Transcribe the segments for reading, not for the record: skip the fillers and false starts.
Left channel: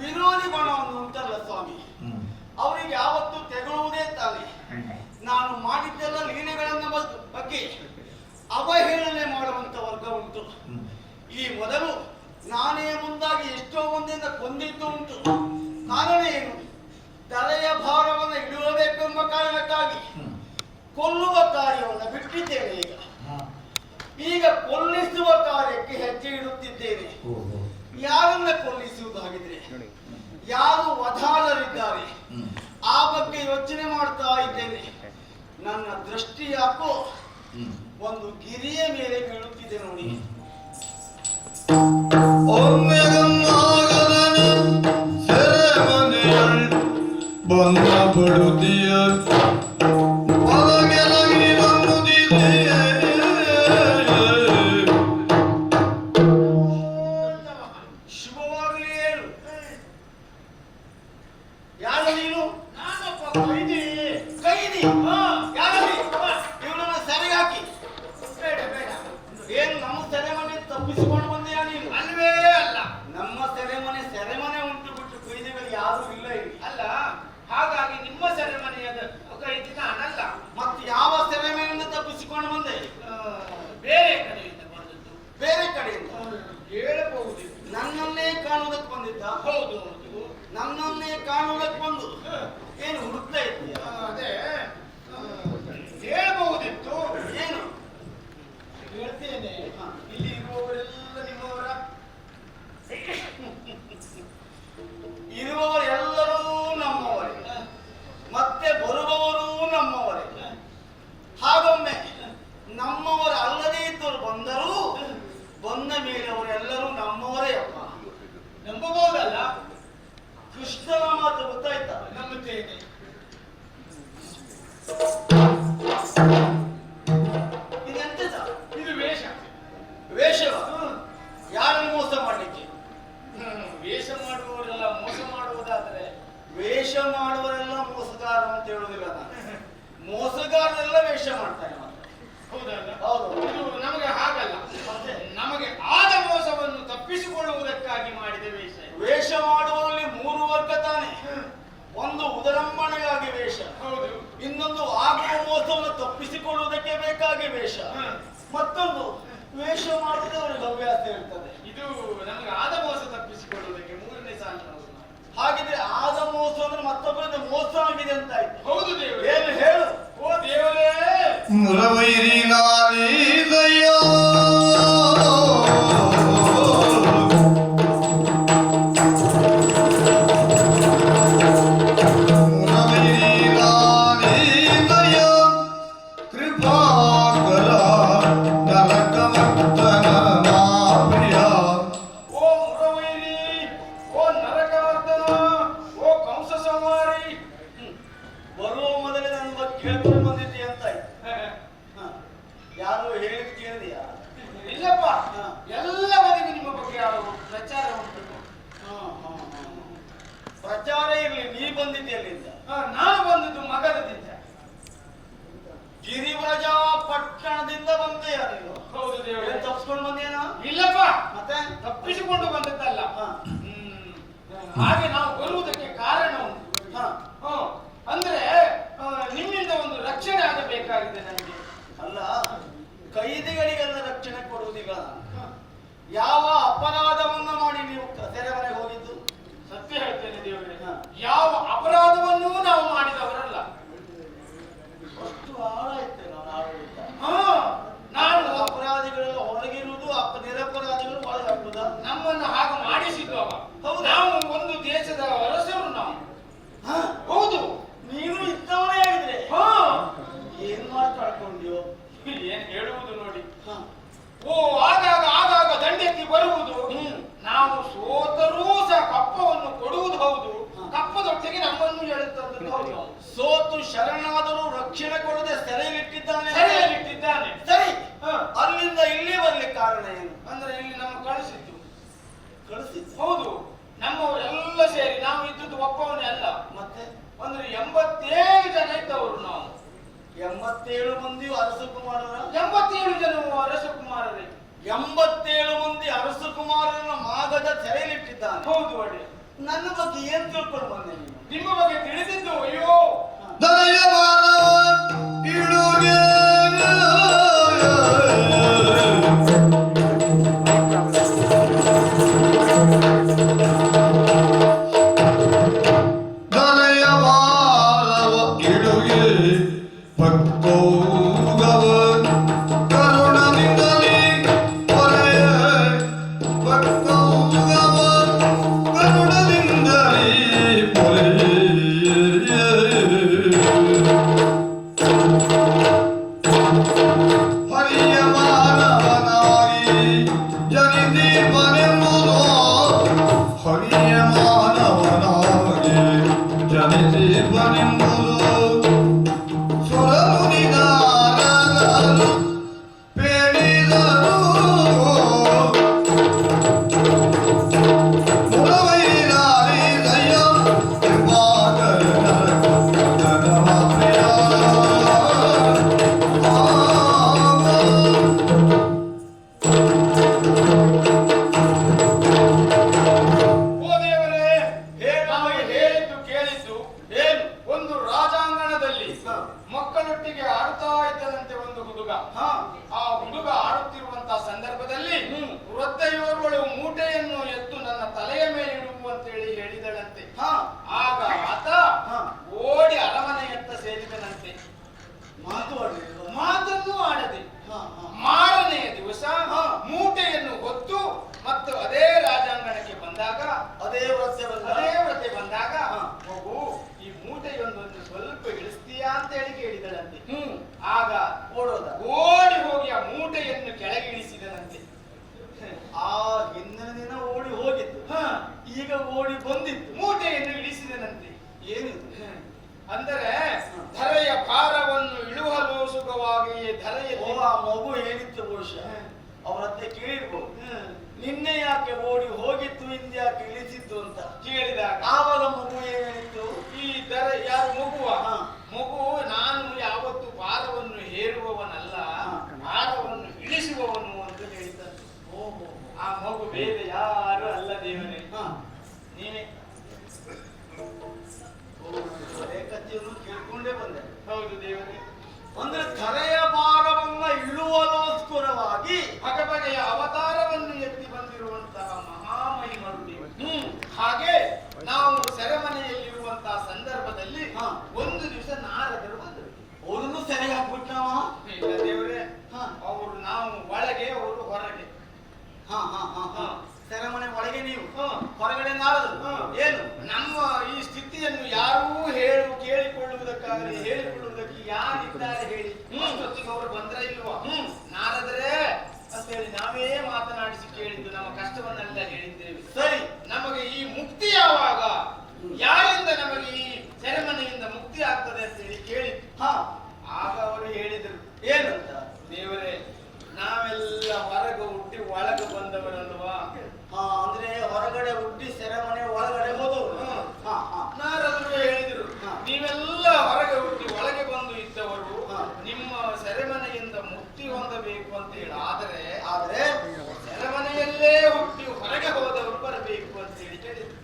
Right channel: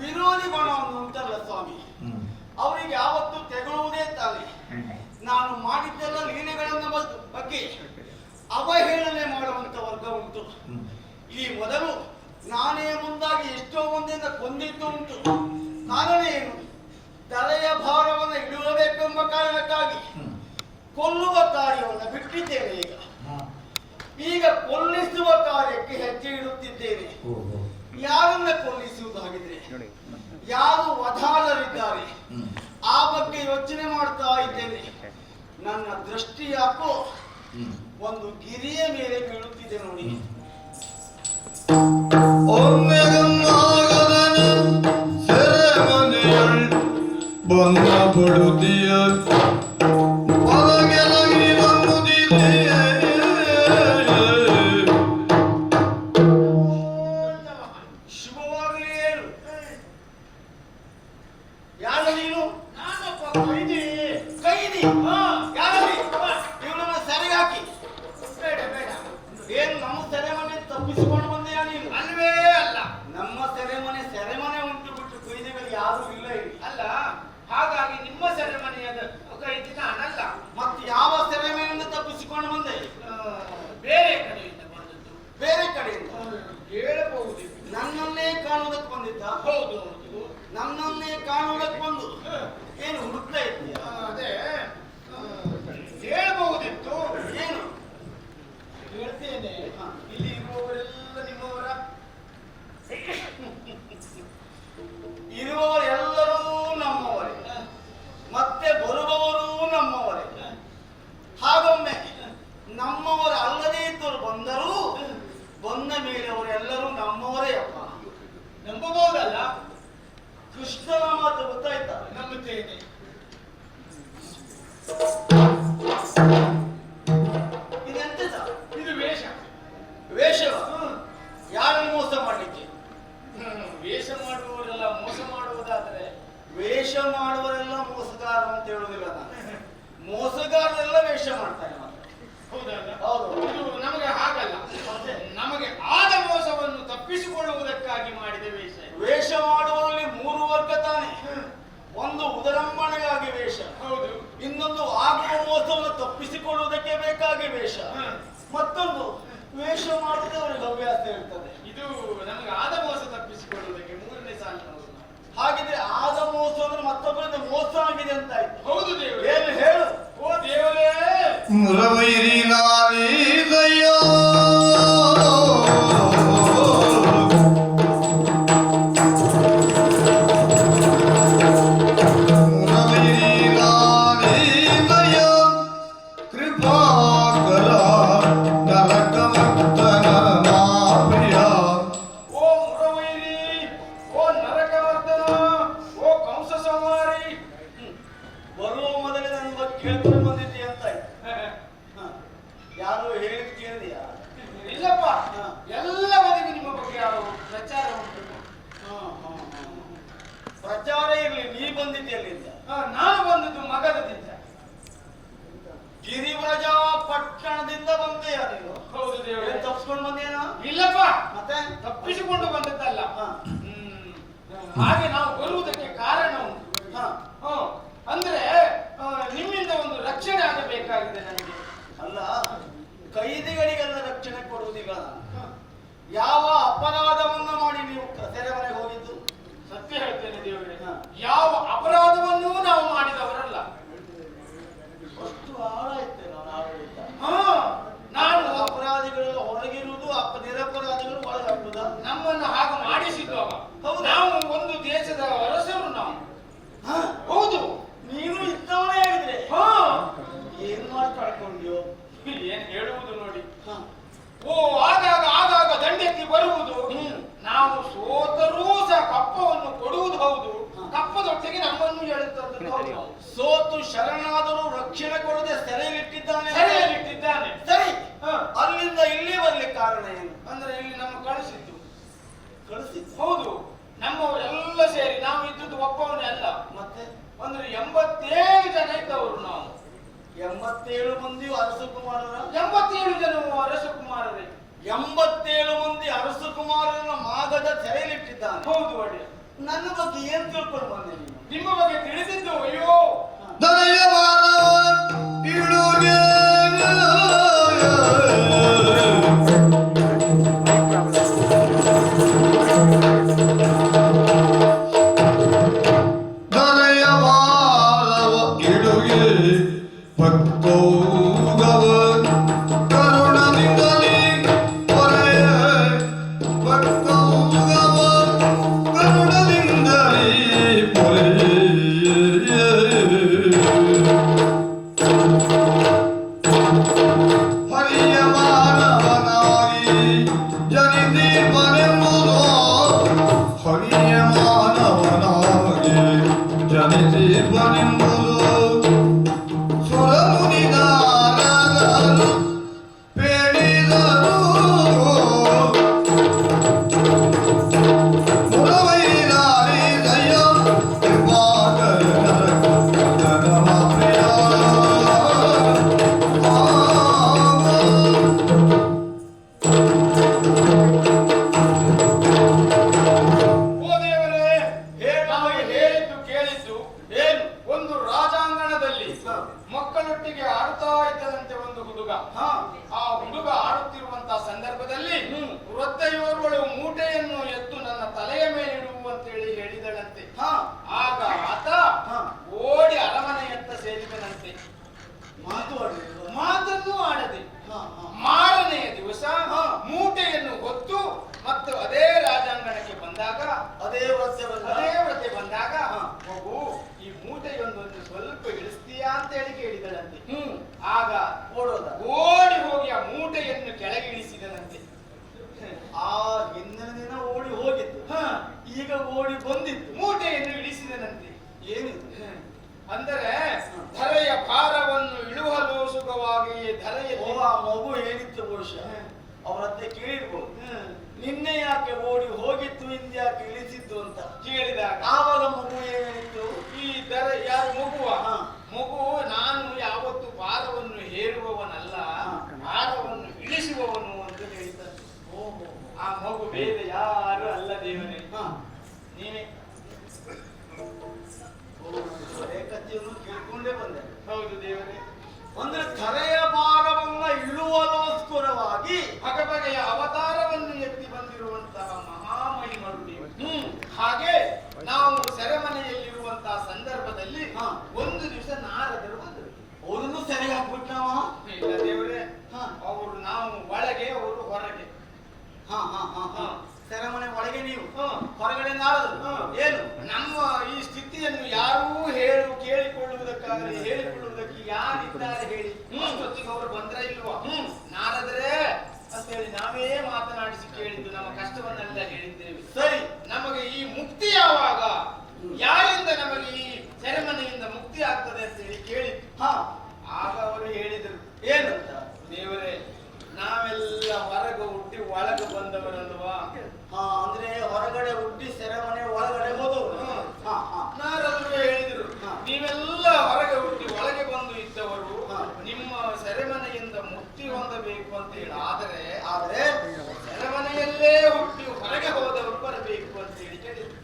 ವಿರೋಧಿ ಬಣವನ್ನು ಉಂಟಲ್ಲ ಸ್ವಾಮಿ, ಅವರಿಗೆ ಯಾವತ್ತು ತೆಗೊಳ್ಳುವುದೇ ತಾನೆ. ನಾನು ಮಾಡಿದ್ದೆಲ್ಲ ಲೀಲೆಗಳನ್ನ ಬಗ್ಗೆ ಅವಹೇಳನೆ ಮಾಡುವಂತ ವರ್ಗ ಉಂಟು. ಈ ಮೊದಲು ನಾನೇ ಮುಂದಾಗಿ ಎಷ್ಟೋ ಮಂದಿಯಿಂದ ಕೊಂದಿದ್ದು ಉಂಟು. ಕಾರಣ ಏನು? ತಲೆಯ ಭಾರವನ್ನು ಇಡುವಬೇಕೆಂಬ ಕಾರಣಕ್ಕಾಗಿ ಕೊಲ್ಲುವ ಕಾರ್ಯವನ್ನು ಬಿಟ್ಟಿದ್ದೇನೆ. ಈಗ ಕೊಲ್ಲಿಸುವ ಕಾರ್ಯಕ್ಕೆ ಹೆಜ್ಜೆ ಇಡುತ್ತಿದ್ದೇನೆ. ಯಾರನ್ನ ಕೊಲ್ಲಿಸುವುದಾಗಿದ್ರೆ, ಯಾರು ವಧಾರರಿದ್ದಾರೆ ಆ ಬಗ್ಗೆ ಯೋಚನೆ ಮಾಡ್ತಾ ಇದ್ದೇನೆ. ನನ್ನ ದೃಷ್ಟಿ ಯಾಕೋ ಒಂದು ಗಿರಿಯ ಮೇಲೆ ಬೀಳುತ್ತಿದೆ ನೋಡಿ. ಶುಭವಾಗಲಿ ಹೇಳು. ಯಾರು ನೀನು? ಕೈದಿ. ಕೈದಿ? ಇವನನ್ನ ಸೆರೆಗೆ ಹಾಕಿ. ಬೇಡ ಬೇಡ. ಏನು ನಮ್ಮ ಸೆರೆಮನೆ ತಪ್ಪಿಸಿಕೊಂಡು ಬಂದೆಯಾ ನೀನು? ಅಲ್ವೇ ಅಲ್ಲ. ನಮ್ಮ ಸೆರೆಮನೆ ಉಂಟು ಬಿಟ್ಟು ಕೈದಿಗಳು ಯಾರು ಇಲ್ಲ ಇಲ್ಲಿ. ಅಲ್ಲ, ಹಾಗಾಗಿ ನಿಮ್ಮ ಸೆರೆಮನೆಯದ ಕೈದಿ ನಾನಲ್ಲ. ಮತ್ತೆ ಯಾವ ಸೆರೆಮನೆಯಿಂದ ತಪ್ಪಿಸಿಕೊಂಡು ಬಂದೆ? ಬೇರೆ ಕಡೆಯಿಂದ ಬಂದದ್ದು. ಬೇರೆ ಕಡೆಯಿಂದ ಹೇಳಬಹುದು. ನನ್ನನ್ನೇ ಕಾಣುವುದಕ್ಕೆ ಬಂದಿದ್ದ? ಹೌದು ಹೌದು, ನನ್ನನ್ನೇ ಕಾಣುವುದಕ್ಕೆ ಬಂದು ಏನು ಹುಡುಕ್ತಾ ಇದ್ದೀಯ? ಅದೇ ಹೇಳಬಹುದಿತ್ತು. ಏನು ಹೇಳ್ತೇನೆ. ಇಲ್ಲಿ ಇರುವವರೆಲ್ಲ ನಿಮ್ಮವರ? ಇರುವವರೆಲ್ಲರೂ ನಮ್ಮವರೇ, ಮತ್ತೆ ಬರುವವರು ನಮ್ಮವರೇ. ಹಾಗೊಮ್ಮೆ ನಮ್ಮವರ ಅಲ್ಲದೇ ಇದ್ದವರು ಬಂದರೂ ಬಂದ ಮೇಲೆ ಅವರೆಲ್ಲರೂ ನಮ್ಮವರೇ ಅಪ್ಪ. ನಂಬಬಹುದಲ್ಲ? ಕೃಷ್ಣನ ಮಾತು ಗೊತ್ತಾಯ್ತಾ? ನಂಬುತ್ತೇನೆ. ಇದೆಂತ? ಇದು ವೇಷ. ವೇಷವ? ಯಾರನ್ನು ಮೋಸ ಮಾಡ್ಲಿಕ್ಕೆ? ವೇಷ ಮಾಡುವವರೆಲ್ಲ ಮೋಸ ಮಾಡುವುದಾದ್ರೆ, ವೇಷ ಮಾಡುವರೆಲ್ಲ ಮೋಸಗಾರ ಅಂತ ಹೇಳುವುದಿಲ್ಲ ನಾನು. ಮೋಸಗಾರರೆಲ್ಲ ವೇಷ ಮಾಡ್ತಾರೆ ಮಾತ್ರ. ಹೌದಲ್ಲ? ಹೌದು. ಇದು ನಮಗೆ ಹಾಗಲ್ಲ. ನಮಗೆ ಆದ ಮೋಸವನ್ನು ತಪ್ಪಿಸಿಕೊಳ್ಳುವುದಕ್ಕಾಗಿ ಮಾಡಿದ ವೇಷ. ವೇಷ ಮಾಡುವಲ್ಲಿ ಮೂರು ವರ್ಗ ತಾನೆ. ಒಂದು ಉದರಂಬಣೆಗಾಗಿ ವೇಷ. ಹೌದು. ಇನ್ನೊಂದು ಆಗುವ ಮೋಸವನ್ನು ತಪ್ಪಿಸಿಕೊಳ್ಳುವುದಕ್ಕೆ ಬೇಕಾಗಿ ವೇಷ. ಮತ್ತೊಂದು ವೇಷ ಮಾಡುವುದೇ ಅವರಿಗೆ ಹವ್ಯಾಸ ಇರ್ತದೆ. ಇದು ನಮಗೆ ಆದ ಮೋಸ ತಪ್ಪಿಸಿಕೊಳ್ಳುವುದಕ್ಕೆ ಮೂರನೇ ಸಾಲಿನ. ಹಾಗಿದ್ರೆ ಆದ ಮೋಸ ಅಂದ್ರೆ ಮತ್ತೊಬ್ಬರಿಂದ ಮೋಸ ಆಗಿದೆ ಅಂತ ಆಯ್ತು. ಹೌದು ದೇವರೇ. ಏನು ಹೇಳು? ಓ ದೇವರೇ, ಮುರವೈರಿ ನಾರೀದಯ್ಯ ಪ್ರಚಾರ ಇರಲಿ. ನೀ ಬಂದಿದ್ದೆಲ್ಲಿಂದ? ನಾನು ಬಂದದ್ದು ಮಗದದಿಂದ. ಗಿರಿವ್ರಜ ಪಟ್ಟಣದಿಂದ ಬಂದೆಯಾ ನೀನು? ಹೌದು ದೇವರೇ. ತಪ್ಪಿಸ್ಕೊಂಡು ಬಂದೇನಾ? ಇಲ್ಲಪ್ಪ, ಮತ್ತೆ ತಪ್ಪಿಸಿಕೊಂಡು ಬಂದದ್ದಲ್ಲ. ಹಾಗೆ ನಾವು ಬರುವುದಕ್ಕೆ ಕಾರಣ ಉಂಟು. ಅಂದ್ರೆ ನಿಮ್ಮಿಂದ ಒಂದು ರಕ್ಷಣೆ ಆಗಬೇಕಾಗಿದೆ ನನಗೆ. ಅಲ್ಲ, ಕೈದಿಗಳಿಗೆಲ್ಲ ರಕ್ಷಣೆ ಕೊಡುವುದಿಲ್ಲ ನಾನು. ಯಾವ ಅಪರಾಧವನ್ನ ಮಾಡಿ ನೀವು ಸೆರೆಮನೆಗೆ ಹೋಗಿದ್ದು? ಸತ್ಯ ಹೇಳ್ತೇನೆ ದೇವರೇ, ಯಾವ ಅಪರಾಧವನ್ನೂ ನಾವು ಮಾಡಿದವರಲ್ಲ. ಅಷ್ಟು ಆಳ ಇತ್ತೆ ನಾನು ಆಡಳಿತ. ನಾನು ಅಪರಾಧಿಗಳು ಹೊರಗಿರುವುದು, ನಿರಪರಾಧಿಗಳು ಒಳಗಾಗುವುದ? ನಮ್ಮನ್ನು ಹಾಗೆ ಮಾಡಿಸಿದ್ದು ಅವ. ಹೌದು. ನಾವು ಒಂದು ದೇಶದ ಅರಸರು ನಾವು. ಹೌದು. ನೀನು ಇದ್ದವನೇ ಆಗಿದ್ರೆ ಏನ್ ಮಾತಾಡ್ಕೊಂಡ್ಯೋ? ಏನ್ ಹೇಳುವುದು ನೋಡಿ. ಓ ಆಗಾಗ ಆಗಾಗ ದಂಡೆತ್ತಿ ಬರುವುದು. ನಾವು ಸೋತರೂ ಸಹ ಕಪ್ಪವನ್ನು ಕೊಡುವುದು ಹೌದು, ಕಪ್ಪದೊಟ್ಟಿಗೆ ನಮ್ಮನ್ನು ಎಳುತ್ತದ್ದು ಹೌದು. ಸೋತು ಶರಣಾದರೂ ರಕ್ಷಣೆ ಕೊಡದೆ ಸೆರೆಯಲ್ಲಿಟ್ಟಿದ್ದಾನೆ. ಸರಿ, ಅಲ್ಲಿಂದ ಇಲ್ಲಿ ಬರ್ಲಿಕ್ಕೆ ಕಾರಣ ಏನು? ಅಂದ್ರೆ ಇಲ್ಲಿ ನಮ್ಮ ಕಳಿಸಿದ್ದು. ಹೌದು. ನಮ್ಮವರೆಲ್ಲ ಸೇರಿ ನಾವು ಇದ್ದದ್ದು ಒಬ್ಬವನೇ ಅಲ್ಲ. ಮತ್ತೆ ಅಂದ್ರೆ 87 ಜನ ಇದ್ದವರು ನಾವು. 87 ಮಂದಿ ಅರಸಕುಮಾರರ? 87 ಜನ ಅರಸಕುಮಾರರೇ. 87 ಮಂದಿ ಅರಸು ಕುಮಾರನ ಮಾಗದ ಸೆರೆಯಲ್ಲಿಟ್ಟಿದ್ದಾನೆ. ಹೌದು ಒಡೆಯ. ನನ್ನ ಬಗ್ಗೆ ಏನ್ ತಿಳ್ಕೊಂಡು ಬಂದೆ ನೀನು? ನಿಮ್ಮ ಬಗ್ಗೆ ತಿಳಿದಿದ್ದು ಅಯ್ಯೋ ಮಕ್ಕಳೊಟ್ಟಿಗೆ ಆಡುತ್ತಾ ಇದ್ದದಂತೆ ಒಂದು ಹುಡುಗ. ಆ ಹುಡುಗ ಆಡುತ್ತಿರುವಂತಹ ಸಂದರ್ಭದಲ್ಲಿ ವೃದ್ಧೆಯೋರ್ವಳು ಮೂಟೆಯನ್ನು ಎತ್ತು ನನ್ನ ತಲೆಯ ಮೇಲೆ ಇಡುವಂತೇಳಿ ಹೇಳಿದಳಂತೆ. ಆಗ ಆತ ಓಡಿ ಅರಮನೆಯತ್ತ ಸೇರಿದನಂತೆ. ಮಾತನ್ನು ಆಡದೆ ಮಾರನೆಯ ದಿವಸ ಮೂಟೆಯನ್ನು ಹೊತ್ತು ಮತ್ತು ಅದೇ ರಾಜಾಂಗಣಕ್ಕೆ ಬಂದಾಗ ಅದೇ ವ್ರತೆ ಬಂದಾಗ ಮಗು ಈ ಮೂಟೆಯೊಂದನ್ನು ಸ್ವಲ್ಪ ಇಳಿಸ್ತೀಯಾ ಅಂತ ಹೇಳಿ ಕೇಳಿದಳಂತೆ. ಆಗ ಓಡಿ ಹೋಗಿ ಆ ಮೂಟೆಯನ್ನು ಕೆಳಗೆ ಇಳಿಸಿದನಂತೆ. ಆ ಹಿಂದಿನ ದಿನ ಓಡಿ ಹೋಗಿದ್ದು, ಈಗ ಓಡಿ ಬಂದಿದ್ದು, ಮೂಟೆಯನ್ನು ಇಳಿಸಿದನಂತೆ. ಏನಿದು ಅಂದರೆ ಧರೆಯ ಭಾರವನ್ನು ಇಳುವಲೋಸುಗವಾಗಿಯೇ ಧರೆಯಲ್ಲಿ. ಆ ಮಗು ಹೇಳಿತ್ತು ಬಹುಶಃ ಅವರತ್ತೆ ಕೇಳಿರ್ಬೋದು, ನಿನ್ನೆ ಯಾಕೆ ಓಡಿ ಹೋಗಿತ್ತು ಇಂದ್ಯಾಕೆ ಇಳಿಸಿದ್ದು ಅಂತ ಕೇಳಿದಾಗ ಆವಾಗ ಮಗು ಏನಿತ್ತು, ಈ ಧರೆ ಯಾರು ಮಗುವ ಮಗು ನಾನು ಯಾವತ್ತು ಭಾರವನ್ನು ಹೇರುವವನಲ್ಲ, ಭಾರವನ್ನು ಇಳಿಸುವವನು ಅಂತ ಹೇಳಿದ್ದಾನೆ. ಆ ಮಗು ಬೇರೆ ಯಾರು ಅಲ್ಲ ದೇವನೇ, ನೀನೇ. ಕಥೆಯನ್ನು ಕೇಳ್ಕೊಂಡೇ ಬಂದೆ. ಹೌದು ದೇವರೇ. ಅಂದ್ರೆ ಧರೆಯ ಭಾಗವನ್ನ ಇಳುವಲೋಸ್ಕರವಾಗಿ ಬಗೆಯ ಅವತಾರವನ್ನು ಎತ್ತಿ ಬಂದಿರುವಂತಹ ಮಹಾಮಹಿಮರು ನೀವು. ಹಾಗೆ ನಾವು ಸೆರೆಮನೆಯಲ್ಲಿರುವಂತಹ ಸಂದರ್ಭದಲ್ಲಿ ಒಂದು ದಿವಸ ನಾರದರು ಬಂದರು. ಅವರನ್ನು ಸೆರೆಗೆ ಹಾಕ್ಬಿಟ್ಟಾವ? ಇಲ್ಲ ದೇವರೇ, ಅವರು ನಾವು ಒಳಗೆ, ಅವರು ಹೊರಗೆ. ಸೆರೆಮನೆ ಒಳಗೆ ನೀವು, ಹೊರಗಡೆ ನಾರದರು. ಏನು ನಮ್ಮ ಈ ಸ್ಥಿತಿಯನ್ನು ಯಾರೂ ಕೇಳಿಕೊಳ್ಳುವುದಕ್ಕಾಗಲಿ ಹೇಳಿಕೊಳ್ಳುವುದಕ್ಕೆ ಯಾರಿದ್ದಾರೆ ಹೇಳಿ? ಅಷ್ಟೊತ್ತಿಗೆ ಅವರು ಬಂದ್ರ ಇಲ್ವಾ? ನಾರದರೆ ಅಂತೇಳಿ ನಾವೇ ಮಾತನಾಡಿಸಿ ಕೇಳಿದ್ದು, ನಮ್ಮ ಕಷ್ಟವನ್ನೆಲ್ಲ ಹೇಳಿದ್ದೇವೆ. ಸರಿ, ನಮಗೆ ಈ ಮುಕ್ತಿ ಯಾವಾಗ, ಯಾರಿಂದ ನಮಗೆ ಈ ಸೆರೆಮನೆಯಿಂದ ಮುಕ್ತಿ ಆಗ್ತದೆ ಅಂತ ಹೇಳಿ ಕೇಳಿದ್ದು. ಆಗ ಅವರು ಹೇಳಿದರು ಏನಂತ? ದೇವರೇ, ನಾವೆಲ್ಲ ಹೊರಗೆ ಹುಟ್ಟಿ ಒಳಗೆ ಬಂದವರಲ್ವಾ? ಅಂದ್ರೆ ಹೊರಗಡೆ ಹುಟ್ಟಿ ಸೆರೆಮನೆ ಒಳಗಡೆ ಹೋದವರು. ನಾರದರು ಹೇಳಿದರು, ನೀವೆಲ್ಲ ಹೊರಗೆ ಹುಟ್ಟಿ ಒಳಗೆ ಬಂದು ಇದ್ದವರು, ನಿಮ್ಮ ಸೆರೆಮನೆಯಿಂದ ಮುಕ್ತಿ ಹೊಂದಬೇಕು ಅಂತ ಹೇಳಿ. ಆದರೆ ಸೆರೆಮನೆಯಲ್ಲೇ ಹುಟ್ಟಿ ಹೊರಗೆ ಹೋದವರು ಬರಬೇಕು ಅಂತ ಹೇಳಿ ಕೇಳಿದ್ರು.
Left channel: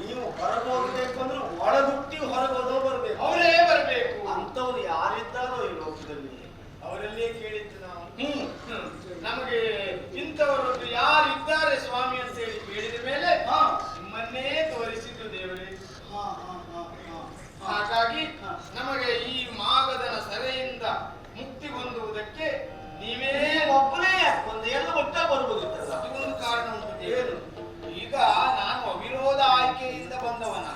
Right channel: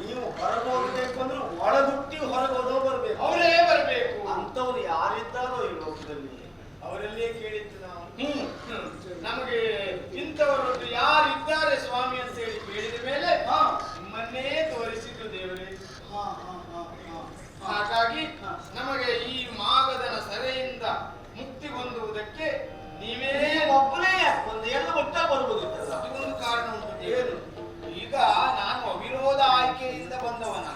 ನೀವು ಹೊರಗೆ ಹೋಗಬೇಕು ಅಂದ್ರೆ ಒಳಗುಟ್ಟಿ ಹೊರಗೆ ಹೋದವರು ಬರಬೇಕು, ಅವರೇ ಬರಬೇಕು. ಅಂತವ್ರು ಯಾರಿದ್ದಾರೋ ಈ ಲೋಕದಲ್ಲಿ ಅವರಲ್ಲೇ ಕೇಳಿದ್ದು ನಾವು. ನಮಗೆ ಇಂಥವರದ್ದು ಯಾರಿದ್ದಾರೆ ಸ್ವಾಮಿ ಅಂತ ಹೇಳಿ ಕೇಳಿದ ಮೇಲೆ ನಿಮ್ಮನ್ನೇ ತೋರಿಸಿದ್ರು ದೇವರೇ. ಹಾಗಾಗಿ ನಮಗೆ ಈ ಮಾಗದನ ಸೆರೆಯಿಂದ ಮುಕ್ತಿ ಹೊಂದುವುದಕ್ಕೆ ನೀವೇ ಒಬ್ಬನೇ ಒಂದು ಎಲ್ಲ ಒಟ್ಟ ಬರುವುದಿಲ್ಲ. ಅದೊಂದು ಕಾರಣ ಉಂಟು ದೇವರು. ಈಗ ನಾನು ಅವಿರೋಧ ಆಯ್ಕೆಯಿಂದ ಬಂದವನ.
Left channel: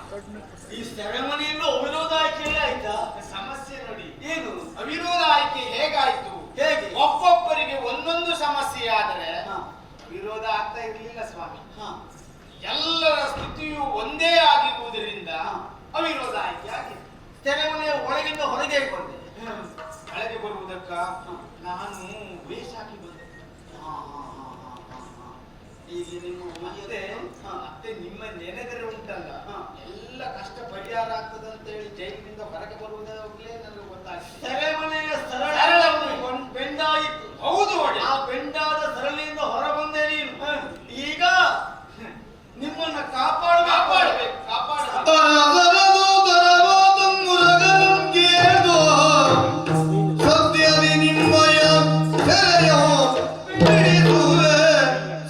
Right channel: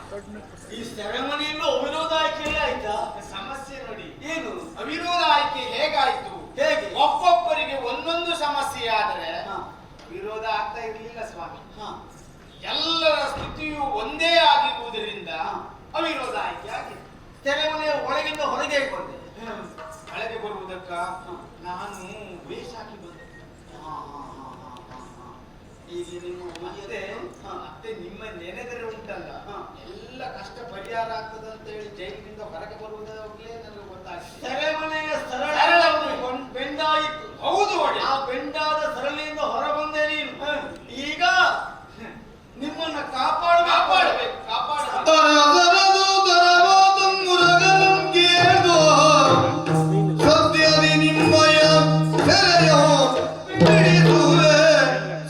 ಈ ಸೆರೆಮನೆಯಲ್ಲೂ ಅವಿರೋಧ ಆಯ್ಕೆ ಆಯ್ತಾ? ಸಮಸ್ಯೆ ನೋಡಿ, ಏನು ಅವಿರೋಧ ಆಯ್ಕೆ ಹೇಗಾಯ್ತು? ಹೇಗೆ? ಒಬ್ಬೊಬ್ಬರಿಗೆ ಒಂದೊಂದು ಸಮಸ್ಯೆ ಆದರೆ ವಿರೋಧ ಆಗ್ತಾ ಇರಲಿಲ್ಲ ಸ್ವಾಮಿ. ಎಲ್ಲರ ಸ್ಥಿತಿಯು ಒಂದೇ ಆಗಿರುವುದರಿಂದ ಅವಿರೋಧ ಆಯ್ಕೆ ಆಗಿದೆ. ಸೆರೆಮನೆಯ ಒಳಗಿಂದ ಹೊರಗೆ ಬಂದೆ. ಒಳಗೆ ಬರುವುದಕ್ಕ ನಾನು ವೇಷ ಹಾಕಿ ಬಂದೆ. ಈಗ ನಿಮ್ಮ ಮತ್ತೆ ನಿಮ್ಮ ನೆನೆದರೆ ಉಂಟಲ್ಲ, ಎಲ್ಲ ಕಷ್ಟ ಪರಿಹಾರ ಆಗ್ತದಂತ ಹೇಳಿ ಜೈಲಿನಿಂದ ಹೊರಗೆ ಬರುವುದಾಗಲೇ ನನಗೆ ಗೊತ್ತಾಗ್ತದೆ. ಸೆರೆಮನೆಯ ಸರಳ ಬೆಂಡಾಯಿತು. ಹೌದು, ಆ ಬೆಂಡಾದ ಸರಳ ಕಾಪಾಡಬೇಕು ಕಾಪಾಡಬೇಕು. ಅರದರದು ಮುರಗನಂ ಕೇಳ್ದೋ ಸದ್ಯದಿ ನಿಮ್ಮಯ ಸೆರೆಯ ಬಿಡಿಸುವೆ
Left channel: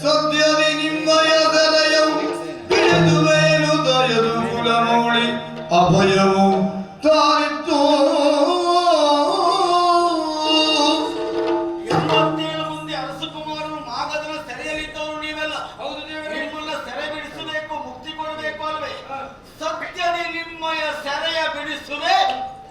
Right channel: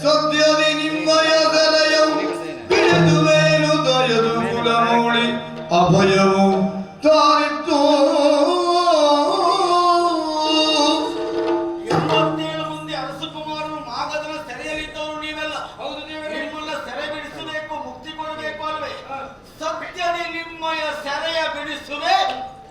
ಸದ್ಯದಿ ನಿಮ್ಮಯ ಸೆರೆಯ ಬಿಡಿಸುವೇನು ದಯದು ಕುಲಮೌಳಿ ಅಭಯವು ತಾರಿತ್ತು 27 ಮಂದಿ ಅರಸಕುಮಾರರು ಮಾಗಧನ ಸೆರೆಯಲ್ಲಿದ್ದವರು ನೀವೆಲ್ಲ. ಹೌದು ದೇವರೇ. ನಿಮ್ಮನ್ನ ಸೆರೆ ಬಿಡಿಸಬೇಕು, ಮುಕ್ತಿ ಕೊಡಬೇಕು ಅಲ್ವೇ? ಸತ್ಯದಿ ನಿಮ್ಮಯ ಸೆರೆಯ ಬಿಡಿಸುವೆ